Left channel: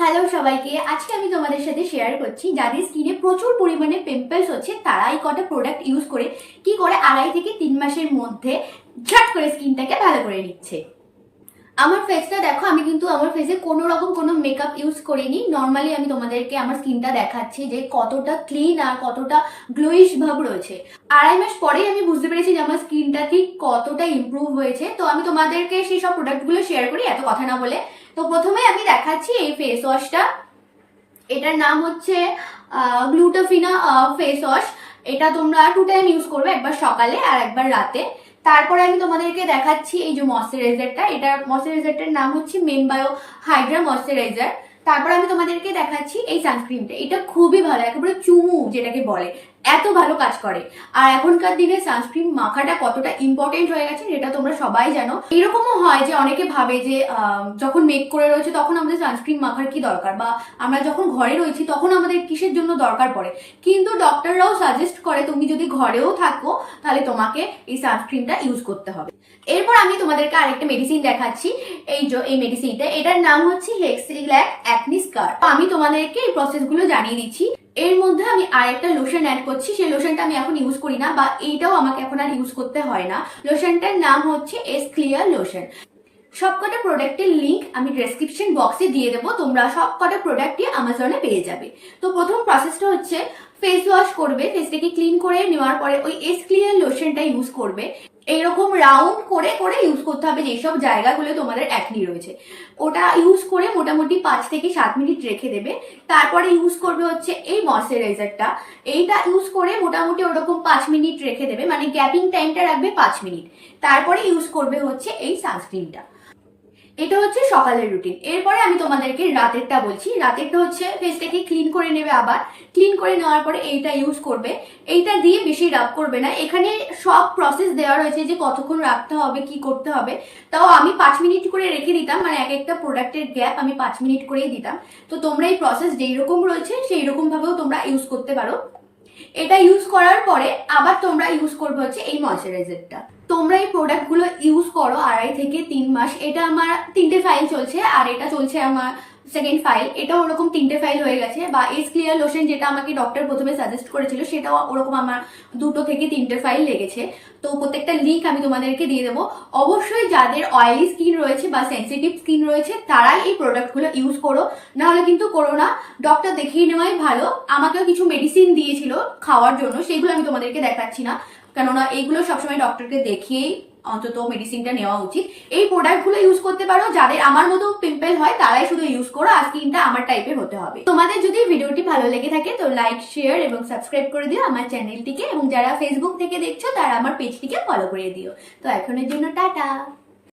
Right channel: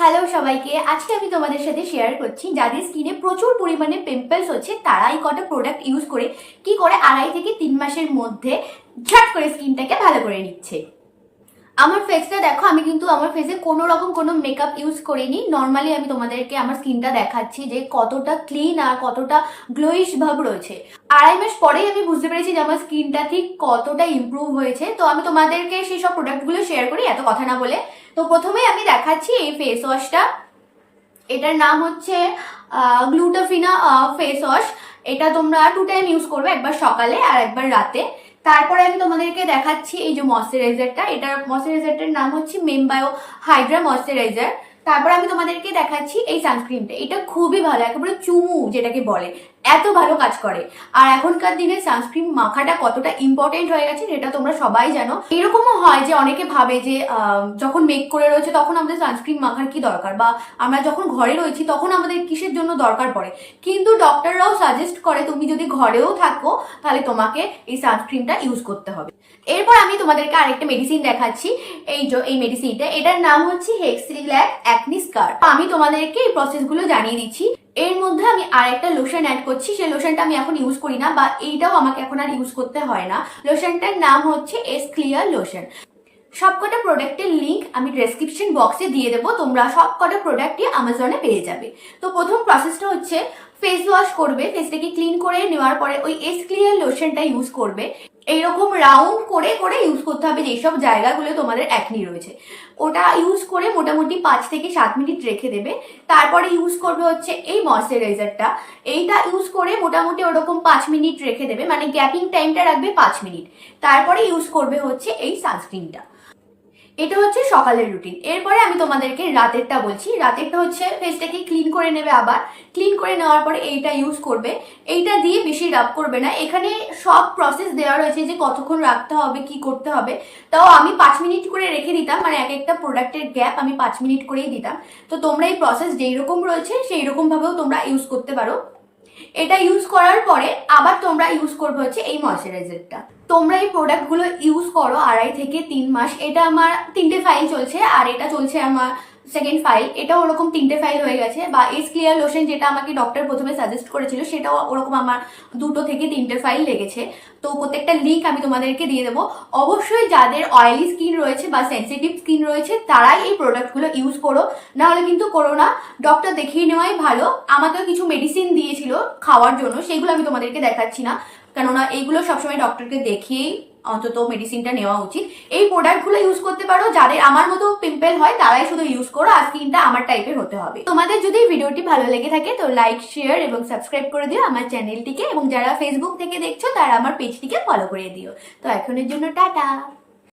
Hello সবাইকে, আজকে আমি তোমাদের সাথে শেয়ার করছি যাদের স্কিনে প্রচুর পরিমাণে পিম্পলস হচ্ছে তারা এই কটা প্রোডাক্ট ইউজ করে কি করে 2.5 থেকে 3 মাসের মধ্যে ঝট করে স্কিনটাকে ভালো করে নিচ্ছে। আমার ফেসটা দেখো, আমি কিন্তু আমার ফেসে কোনো রকম কোনো মেকআপ ইউজ করিনি। নর্মালি আমি তোমাদেরকে আমার স্কিনটা দেখাচ্ছি যে কতটা ক্লিন আর কতটা গ্লোইশ ভাব রয়েছে। 2.5 মাস পরেই আমি বুঝতে পেরেছি যে আমার স্কিনটা ঠিক কতটা ইমপ্রুভ হয়েছে। তো আমি তোমাদেরকে সেই সব প্রোডাক্টগুলো শেয়ার করি এত কথা না বলে। তো প্রথমেই আমি দেখাচ্ছি এই ফেস ওয়াশটা। এটার নাম হচ্ছে গ্লুটাফিনা ফেস ওয়াশ। এটা তোমরা 2 টাইম ইউজ করবে, একবার সকালে আর একবার রাতে। তারপরে আমি তোমাদেরকে দেখাচ্ছি এই যে ময়শ্চারাইজারটা। এটার ময়শ্চারাইজারটার নাম হচ্ছে মেমবায়ো হাইড্রা ময়শ্চারাইজার। তারপরে আমি তোমাদেরকে দেখাচ্ছি এই সানস্ক্রিনটা। এটা খুবই ভালো, একেবারে চুমু যেটাকে বলে, এত ভালো কাজ করে। আর এখনকার দিনে সানস্ক্রিন মাখাটা কতটা ইম্পর্টেন্ট হয়ে গেছে যেটা তোমরা সবাই জানো। এরকমও হয় যে অনেকে ভাবে যে যখন মেক করে রয়েছে তখন আমাদের সানস্ক্রিন মাখার কি দরকার, বা আমরা যখন ঘরে রয়েছি তখন আমাদের কিসের জন্য দরকার পড়ে। কিন্তু ডক্টররাও সাজেস্ট করে তুমি যদি ঘরেও থাকো তাহলে তোমাকে এই সানস্ক্রিনটা ইউজ করতে হবে। এরপর আমি তোমাদেরকে আরেকটা মেডিসিন দেখাচ্ছি। এই মেডিসিনটা, এটার নাম হচ্ছে হেক্সিল্যাক অ্যাকনি স্কার। আমি তোমাদেরকে এই প্রসেসগুলো জানিয়ে দিচ্ছি। এর মধ্যে আমি আরেকটা লোশন অ্যাড করছি। সেই লোশনটা আমি এখন ইউজ করি না, বা এইটাও আমাকে এখন আর ইউজ করতে হয় না। লোশনটার নাম হচ্ছে এস ক্লিয়ার লোশন। সবকটা প্রোডাক্টের লিঙ্ক আমি ডেসক্রিপশন বক্সে দিয়ে দেবো, তোমরা সবকটা প্রোডাক্টই আমাজনে পেয়ে যাবে। তো প্রথম প্রসেসটা হচ্ছে ফেস ওয়াশ করবে। ফেসটাকে ক্লিন করে নেওয়ার পরে ওই এস ক্লিয়ার লোশনটা ইউজ করবে। এইরকম রাউন্ড করে করে ইউজ করতে হবে যেসব জায়গাগুলো তোমাদের অ্যাকনি রয়েছে। ওটা ইউজ করে মোটামুটি 5 থেকে 7 মিনিট রেখে দেবে। তারপরে ইউজ করবে হচ্ছে এই ময়শ্চারাইজারটা। এইটা ইউজ করে মোটামুটি ওরকম 5 মিনিট রেখে দেবে, মানে গ্যাপিং টাইমটা রাখবে 5 মিনিট। তারপরে ইউজ করবে হচ্ছে এই সানস্ক্রিনটা। এটা হচ্ছে সকালের রুটিন। এরপরে আমি তোমাদেরকে রাতেরটা বলছি। রাতেরটা হচ্ছে ফেসটাকে ক্লিন করে নেবে, আবার ক্লিন করে নেওয়ার পরে এইটা ইউজ করবে। এইটা দিয়ে বেশি রাব করবে না। এখানে সব প্রসেস দেওয়া রয়েছে যে কতক্ষণ রাখতে হবে, কি করতে হবে। তাও আমি 5 মিনিট করে রেখে দিতাম, মানে এক একটা প্রোডাক্টের গ্যাপ আমি 5 মিনিট করেই দিতাম। তো তোমরা এই প্রসেস যেই রকম রয়েছে সেই রকম ভাবেও তোমরা ইউজ করতে পারো। এটা ইউজ করার পরে আবার তোমরা ইউজ করবে হচ্ছে এই ময়শ্চারাইজারটা। তোমরা এই প্রোডাক্টগুলো ইউজ করো 2.5 থেকে 3 মাস। এটা আমার 3টে ফাইল চলছে, আর এটা চলছে আমার সেকেন্ড ফাইল। এটাও ওরকম 3টে ফাইল হয়ে গেছে। বা এস ক্লিয়ার লোশন যেটা আমাকে ডক্টর প্রথমে সাজেস্ট করেছিল সেটাও ওরকম আমার 2 থেকে 3টে ফাইল লেগেছে। তো প্রত্যেকটা লিঙ্ক আমি তোমাদেরকে দিয়ে দেবো। অবশ্যই যাদের অয়েলি স্কিন রয়েছে বা সেন্সিটিভ স্কিন রয়েছে তারাই এই প্রোডাক্টগুলো ইউজ করো, না হলে কিন্তু করো না। ডক্টর দেখিয়ে নেওয়াই ভালো। আমাকেও কিছু মেডিসিন দিয়েছিল খাওয়ার জন্য, সেইগুলো আমি তোমাদেরকে দেখাচ্ছি না, কেননা এইগুলো সবসময় ডক্টরকে দেখিয়েই অন্তত মেডিসিনটা নেওয়া উচিত। এই প্রোডাক্টগুলো ইউজ করতে পারো। যাদের আমার মতো পিম্পল হয় তারাই শুধু ইউজ করো, আর স্কিনটা আমার টাইপের হতে হবে। তোমাদের যদি ভিডিওটি ভালো লেগে থাকে তো লাইক, শেয়ার এবং সাবস্ক্রাইব করে দিও আমার চ্যানেলটিকে, এবং যারা ফেসবুক থেকে দেখছো তারা আমার পেজটিকে ফলো করে দিও। তো এখনের জন্য টাটা।